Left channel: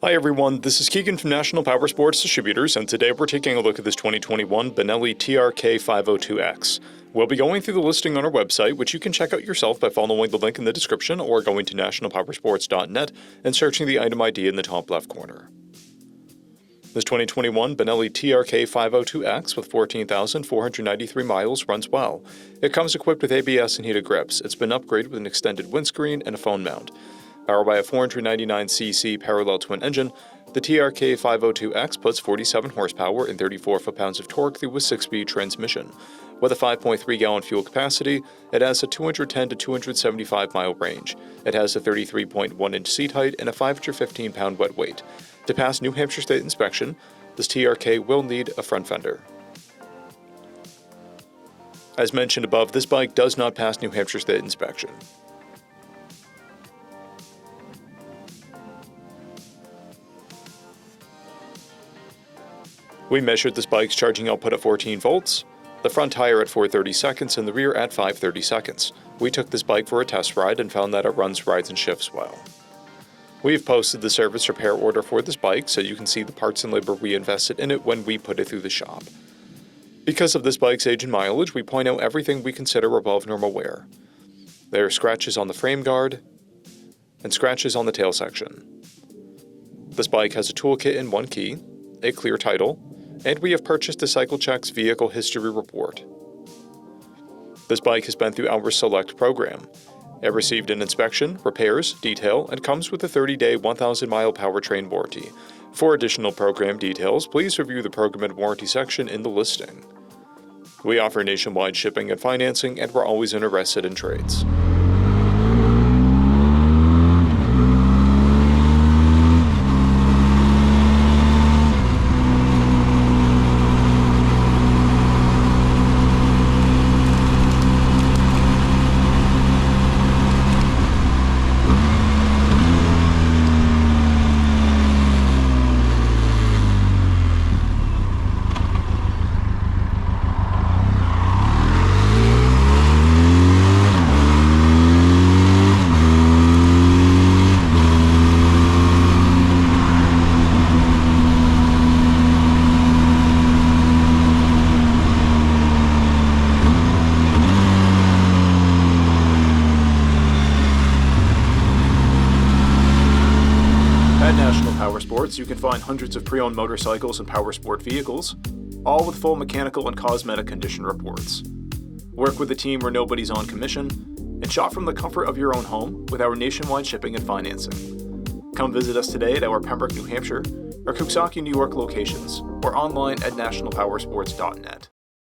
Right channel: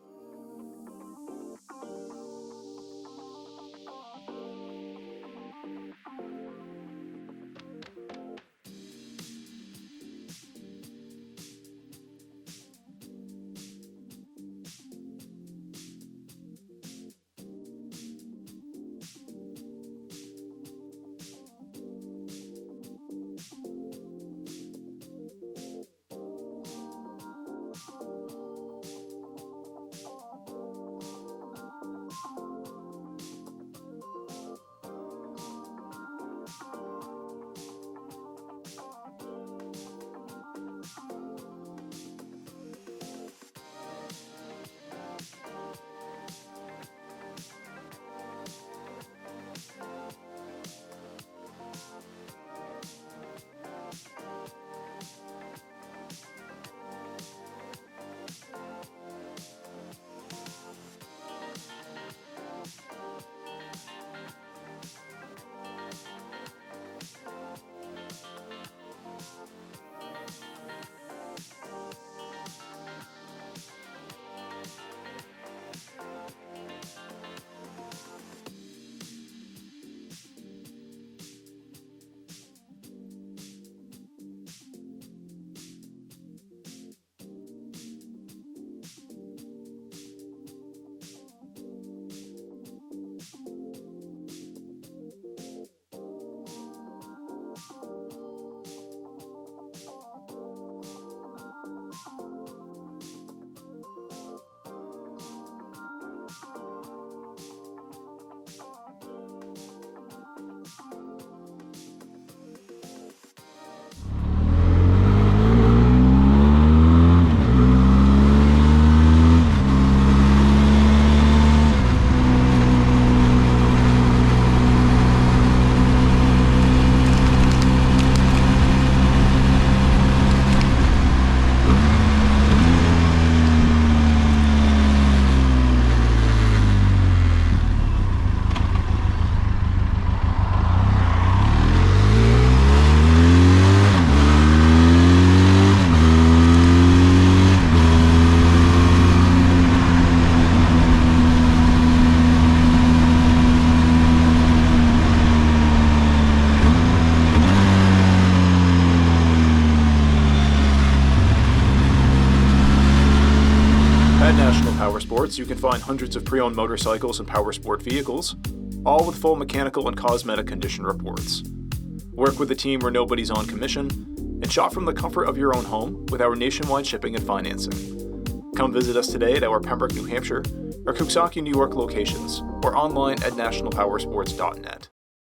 Hi everyone, this is Keegan from National Powersports Distributors, and today we're taking a look at this 2021 BENELLI TRK502X. We'll be going through the listing on our website, which you can check out yourself by following the link in the description or going to nationalpowersports.net and searching the item ID in the top left corner. This 2021 BENELLI TRK502X with 14,493 miles runs well. It comes equipped with ABS and heated grips. It's been upgraded with an extended windscreen and a phone mount. Powered by a 499cc parallel twin engine, the TRK502X puts 47 horsepower and 34 foot-pounds of torque through a 6-speed transmission. With a 5.3-gallon fuel capacity, it has a 210 to 275 mile range. It has a 33.1-inch seat height and a 515-pound wet weight. To pass New Hampshire State inspection, this TRK will need a front fender. As mentioned above, this bike does not pass New Hampshire State inspection. We measured this bike's charging output at 14 volts, the front tire at 430 seconds and the rear at 530 seconds. We took this bike for a test ride and found that it runs, rides, and shifts well. We've posted the service repair order for this bike so you can see the parts and labor we invested in it when we put it through the shop. Because of this bike's age and mileage, we point out everything we consider above normal wear. There are scratches on the frame guard and scratches on the tail section. This bike has a toolkit and one key, a clear title, and we have purchased the CycleCheck's Vehicle History Report. This bike has been through our Select program. It received an inspection, repairs, detail, and comes with a 30-day, 1,000-mile powertrain warranty. For additional program details, please review the program and warranty section in the listing. We offer nationwide shipping and financing, and we're always interested in trades. At National Powersports, you can find hundreds of pre-owned motorcycles and powersport vehicles, all with full mechanical and cosmetic condition reports. Work with a team where nobody's on commission, and shop from the comfort of your own home with our nationwide shipping and financing. Come visit us today at our Pembroke, New Hampshire, or Coxsackie, New York locations, or online at nationalpowersports.net.